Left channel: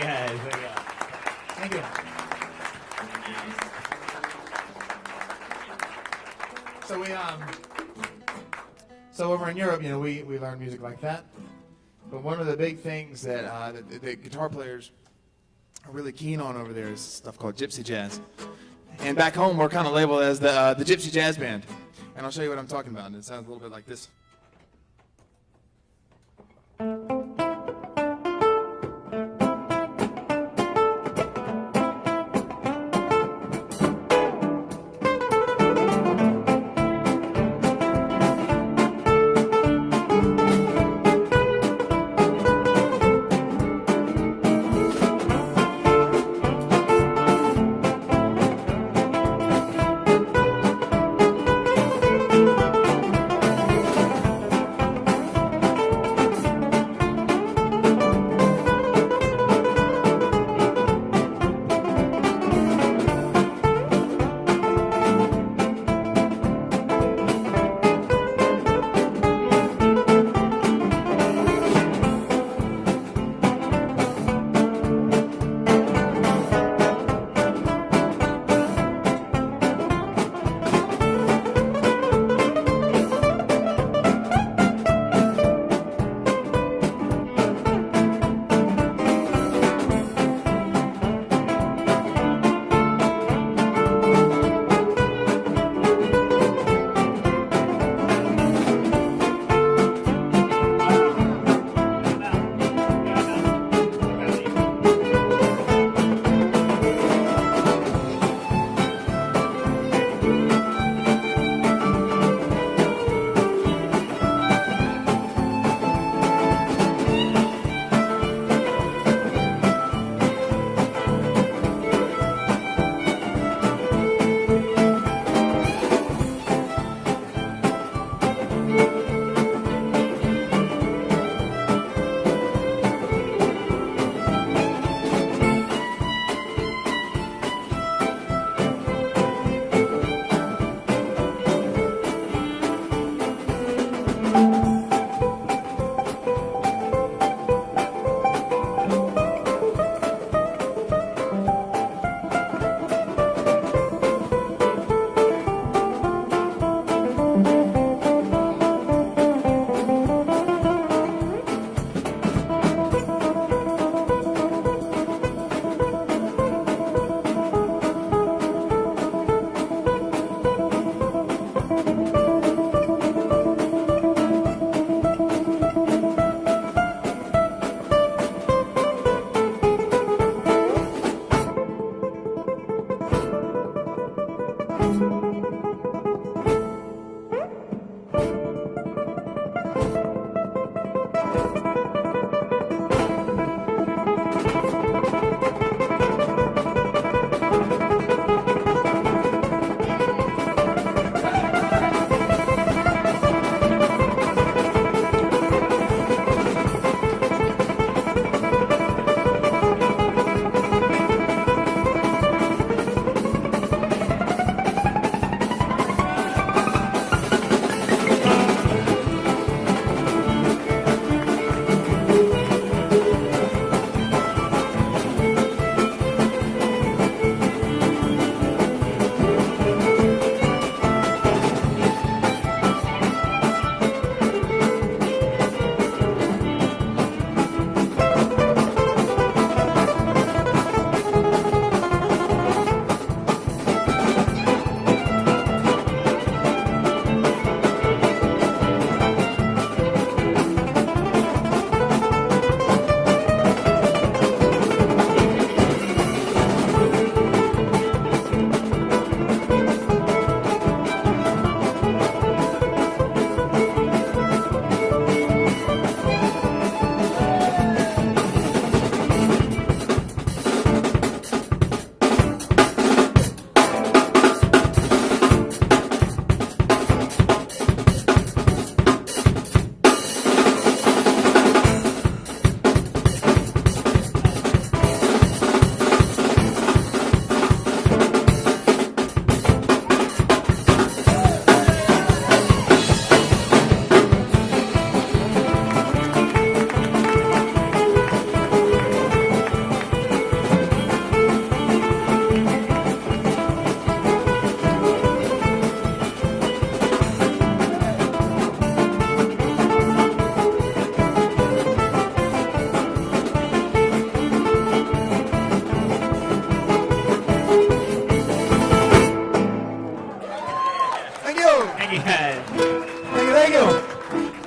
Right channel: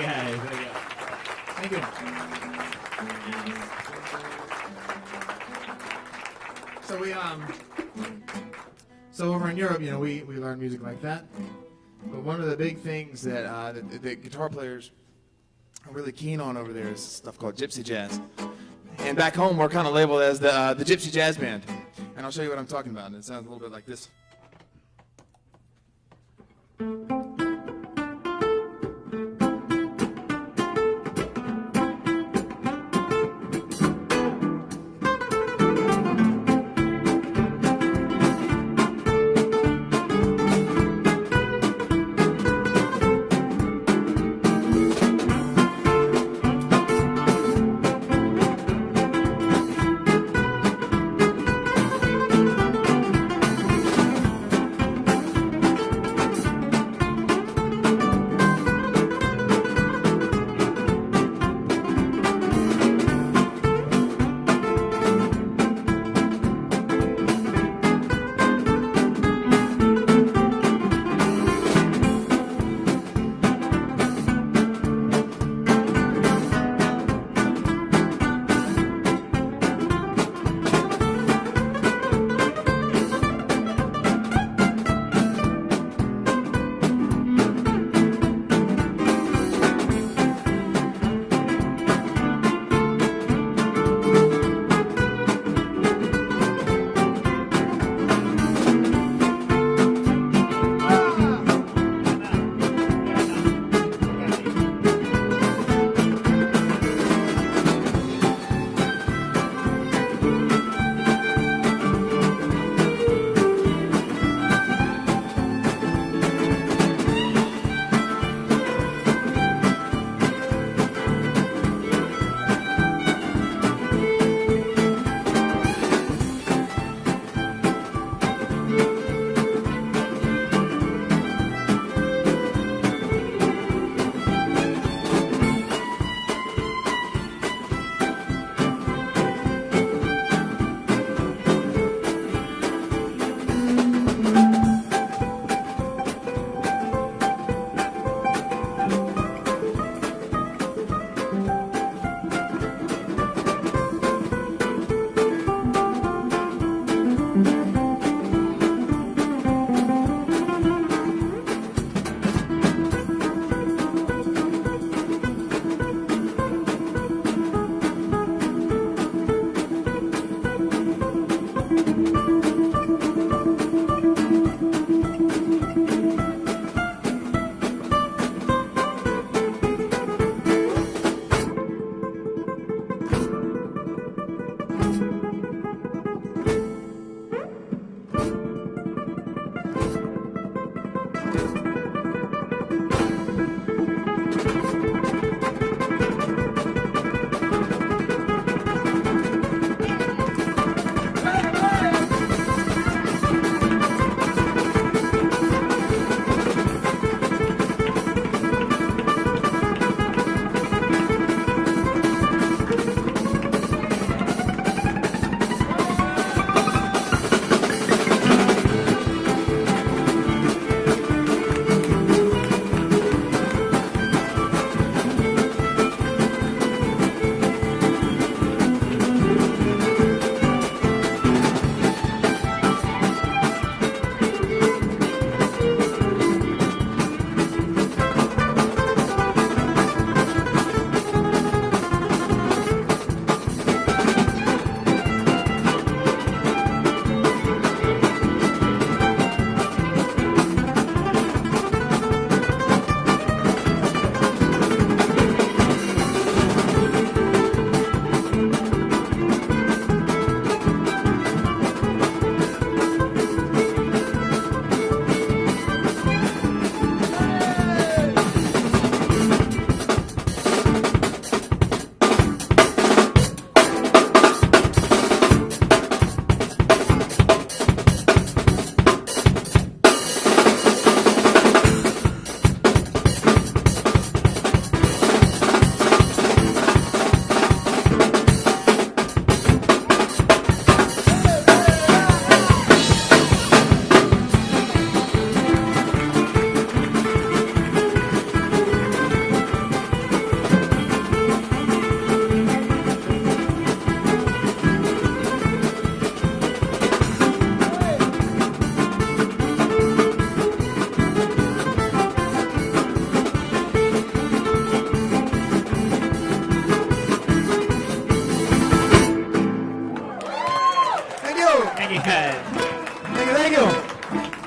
guys. Thank you. So over in Europe, we learn music like that. But one of the big things that the guitar players are really keen on over there is stuff called gypsy jazz. And back home, we're kind of labeled as the Gypsy Jazz Band. And I'll show you what I'm talking about. And it sounds a little bit like this.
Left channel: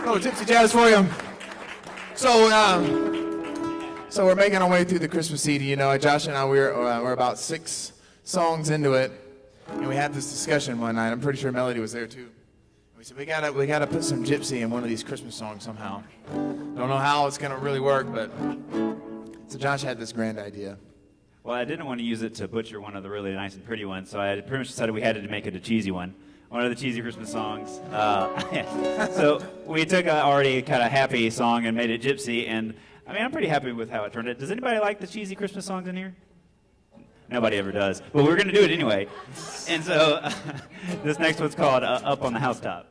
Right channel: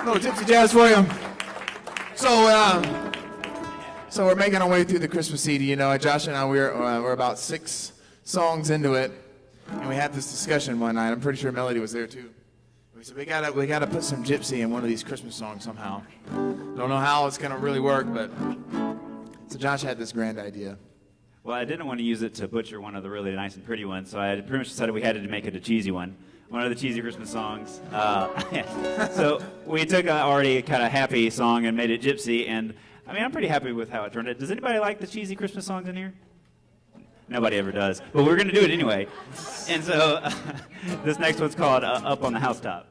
little gypsy jazz for you. So we're making our way through the Christmas CD. You know, Josh and I, we're about 6 songs into it, and we had this discussion one night. I'm pretty sure Melody was there too. We said we gotta put some gypsy in one of these Christmas songs somehow. Don't know how it's gonna really work, but so Josh had this grand idea. Well, I didn't want to use it to butcher one of the really nice and pretty ones, so I pretty much decided we had to make it a cheesy one. One of the cheesy Christmas songs. So we took an already kind of happy song and made it gypsy, and I mean, I'm pretty happy with how it turned out. Does anybody like the cheesy Christmas songs in here? Nobody ever does, but we're going to do it anyway. And so this next one's called Up on the Housetop.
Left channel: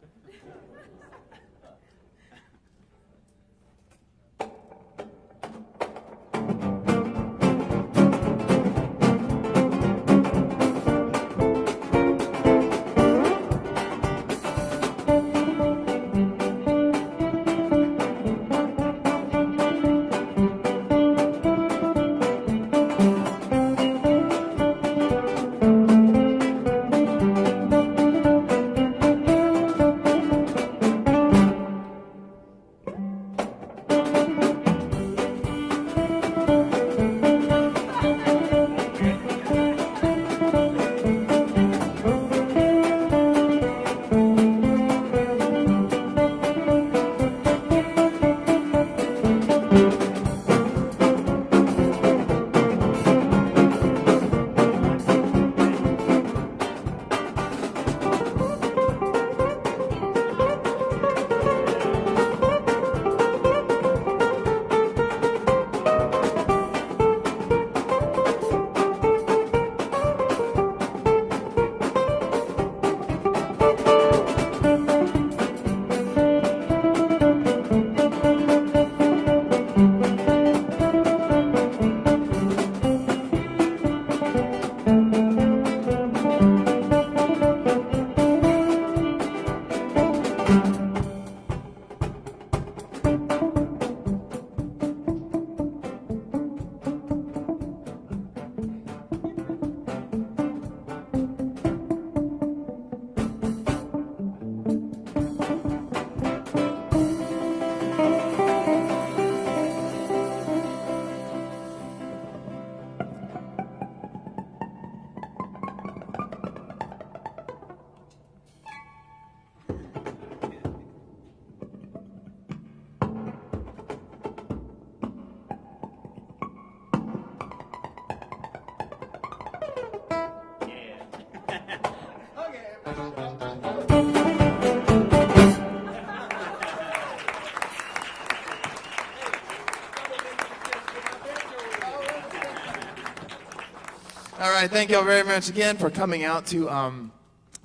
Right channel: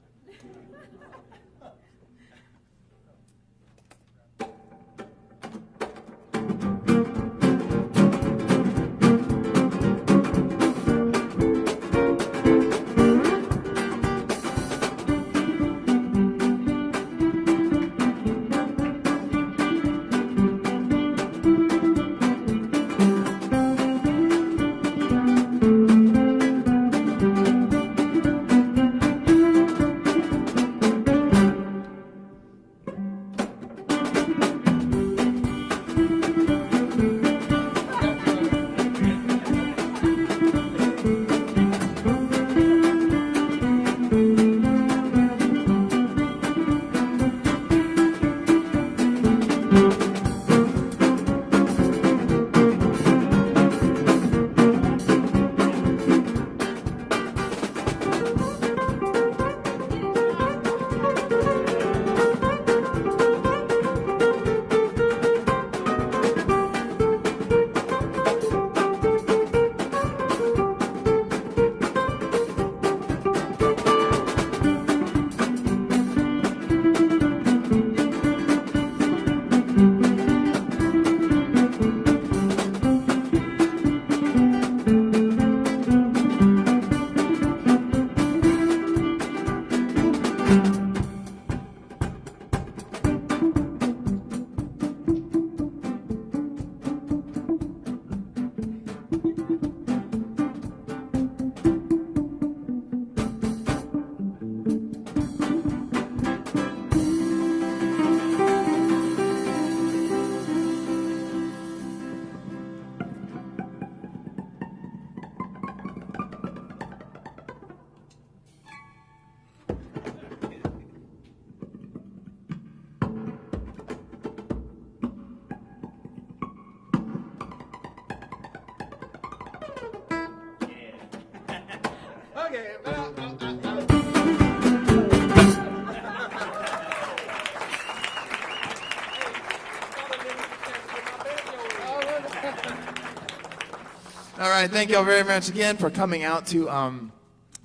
All right, thank you all very much again for coming out to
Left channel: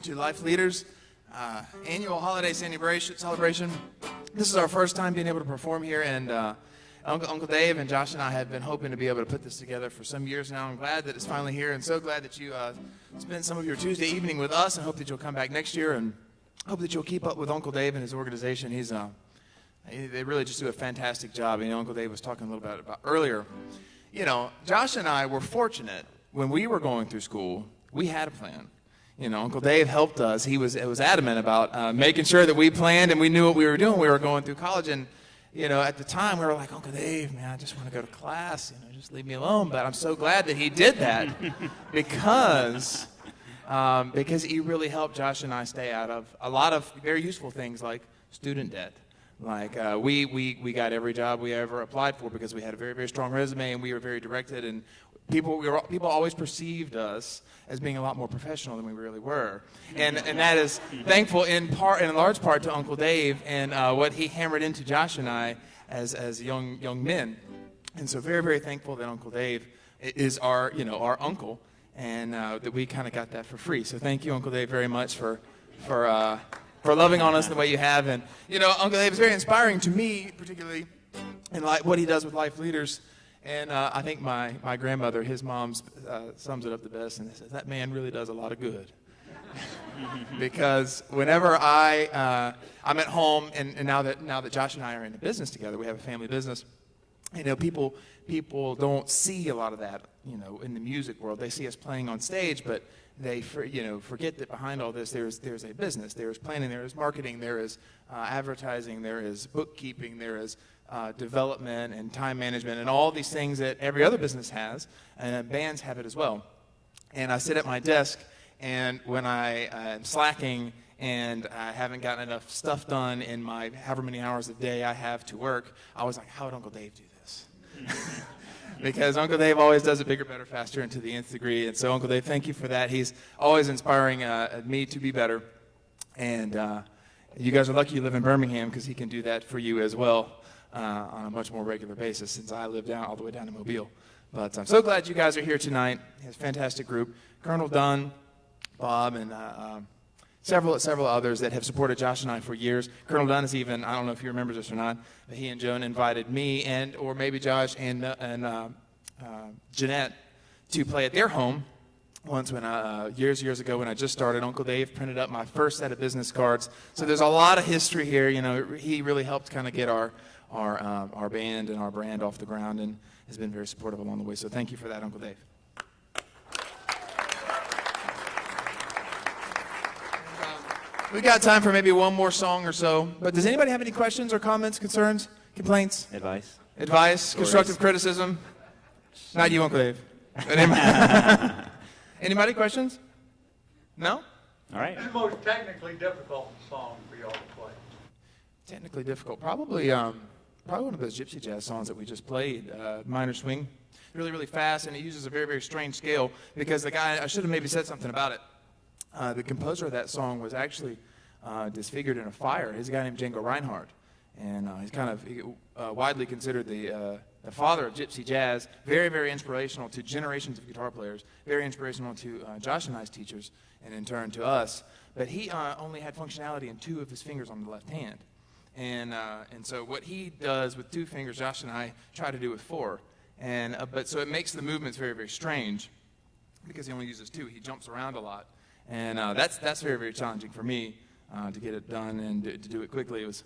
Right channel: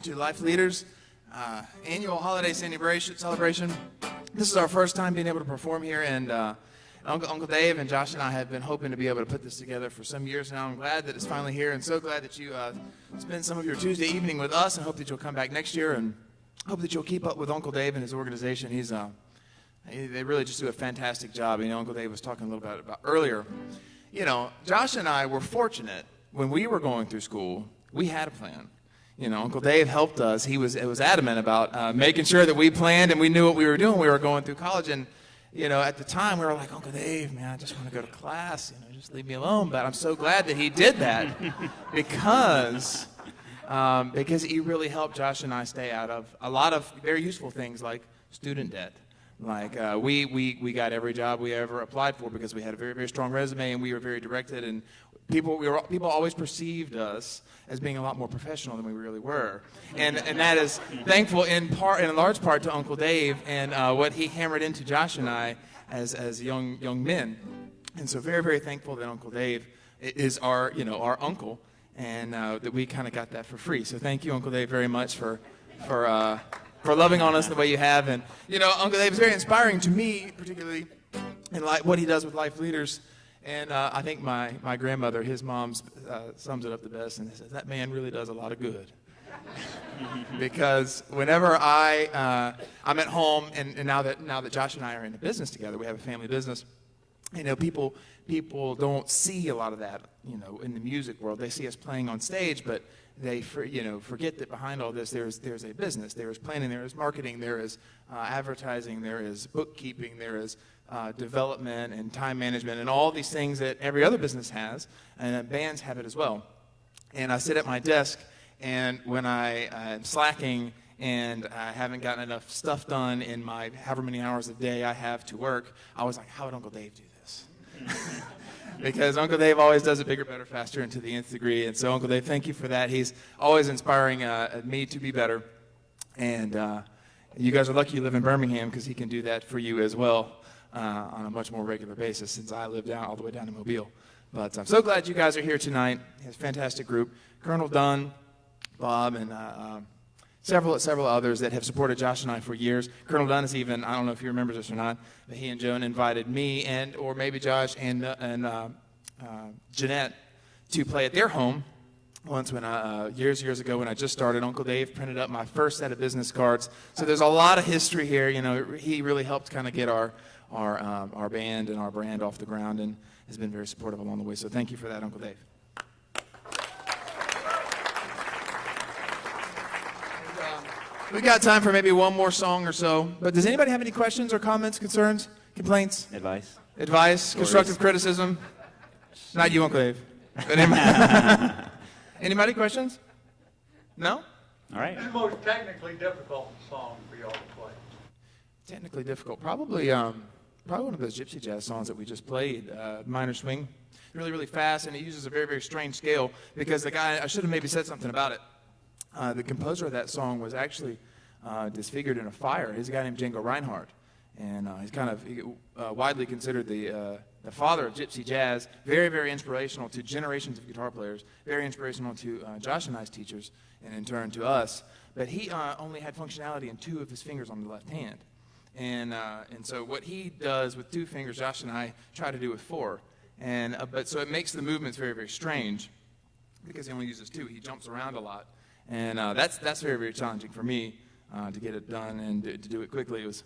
Life Leaders annual holiday celebration. This is our first time being able to perform here, and Uncle Dave and Josh and I have been hoping to be able to put this together for some years now. I'm glad that it's finally here, and so glad that you spent some of your Tuesday evening with us, and hope that you'll come back next year, and hope that you'll keep up with Uncle Dave and his organization. They really just do a fantastic job. You know, Uncle Dave was talking a little bit about earlier. You know, Josh and I were fortunate. When we were going through school, we had a plan. You know, Uncle Dave helped us. He was adamant about making sure that we planned and we knew what we were doing. We were going through college, and you know, at the time we were like, Uncle Dave, man, I just want to go to class. You know, just leave me alone. But I'm so glad that he did that because he really helped Josh and I stay out of a lot of very useful things like student debt. Like we got every job we ever applied for because we had a very, very strong resume, and we were very directed, and people always perceived us as being a lot more professional than we really were, and that is thankful in large part to Uncle Dave and what he hammered into Josh and I as young men, and so very, very thankful that Uncle Dave is our uncle, and that we kind of got that for free. So thank you, Uncle Dave, very much for loving on us the way you have. And you know, Uncle Dave is very inspiring to me, particularly in what he does with Life Leaders. And I think my grandmother, his mom, sums it up the best, and says that man really does a lot of good. Because whenever I'm at home, and now that Josh and I are in the business together, we have a family business. People don't see a lot of that, in the music world. They see us playing on stage, but they forget that behind all this there's a business, there is planning, there is marketing, there is advertising, there is bookkeeping, there is development and time management, and all these things that every other business has, and bands have it as well. And I sit at my desk, and when I am slacking and I haven't gotten enough stuff done in my however many hours a day I have to work, I was like, how would Uncle Dave do this? Because Uncle Dave always does it bigger, better, faster, and to the nth degree. And so, Uncle Dave, thank you for that. He's always inspiring me to be better. And you guys are lucky you live in Birmingham, because he can do that for you as well on a much more regular basis, since I live all the way down in Mobile. But I'm so glad you guys are here tonight. He has a fantastic group. Colonel Dunn, Bob, and several others that have supported Josh and I for years. Colonel Dunn is even, I don't know if he remembers this or not, but he and Joan invited me or maybe Josh and Jeanette to play at their home once when years ago when I just started. Uncle Dave printed up my first set of business cards. So there's a lot of history here. He really helped kind of get our band and our brand off the ground, and has been very supportive along the way. So thank you for that, Uncle Dave. We've got time for maybe one more song or so. But does anybody have any questions or comments, concerns, complaints? Advice, stories. Constructive criticism? Not you, Uncle Dave. But anybody questions? No? All right. What's the most technically difficult song for y'all to play? Technically difficult. Probably one of those gypsy jazz songs that we just played, Minor Swing. Really, really fast, and it uses a very, very strange scale, because the guy, I should have maybe said something about it. The composer of that song was actually disfigured in a fire. He's a guy named Django Reinhardt, and he's kind of widely considered the father of gypsy jazz. Very, very inspirational to generations of guitar players. Very inspirational to Josh and I's teachers, and in turn to us. But he only had functionality in 2 of his fingers on the left hand, and so what he does with 2 fingers, Josh and I try to do with 4, but so it makes the movements very, very strange, because he only uses 2. He jumps around a lot. And that's very, very challenging for me to get it done and to do it quickly. It was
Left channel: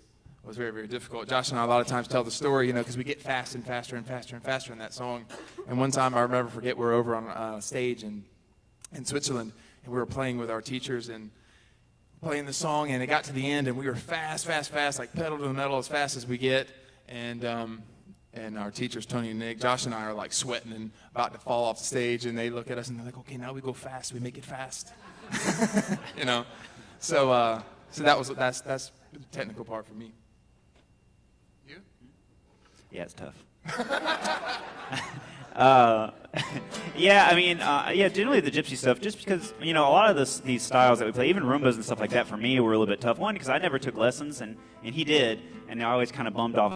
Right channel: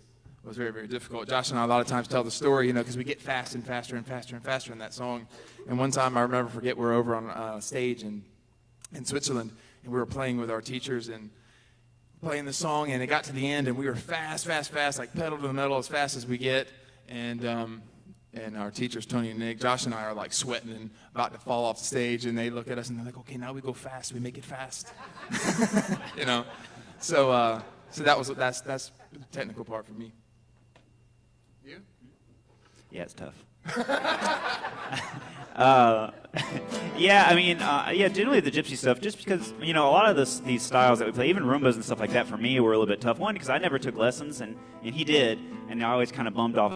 very, very difficult. Josh and I a lot of times tell the story, because we get fast and faster and faster and faster in that song. And one time, I'll never forget, we were over on a stage in Switzerland, and we were playing with our teachers and playing the song, and it got to the end, and we were fast, like pedal to the metal as fast as we get. And our teachers, Tony and Nick, Josh and I are like sweating and about to fall off the stage, and they look at us and they're like, okay, now we go fast, we make it fast. So that's the technical part for me. You? Yeah, it's tough. Generally the gypsy stuff, just because, a lot of these styles that we play, even Roombas and stuff like that, for me were a little bit tough. One, because I never took lessons, and he did, and I always kind of bummed off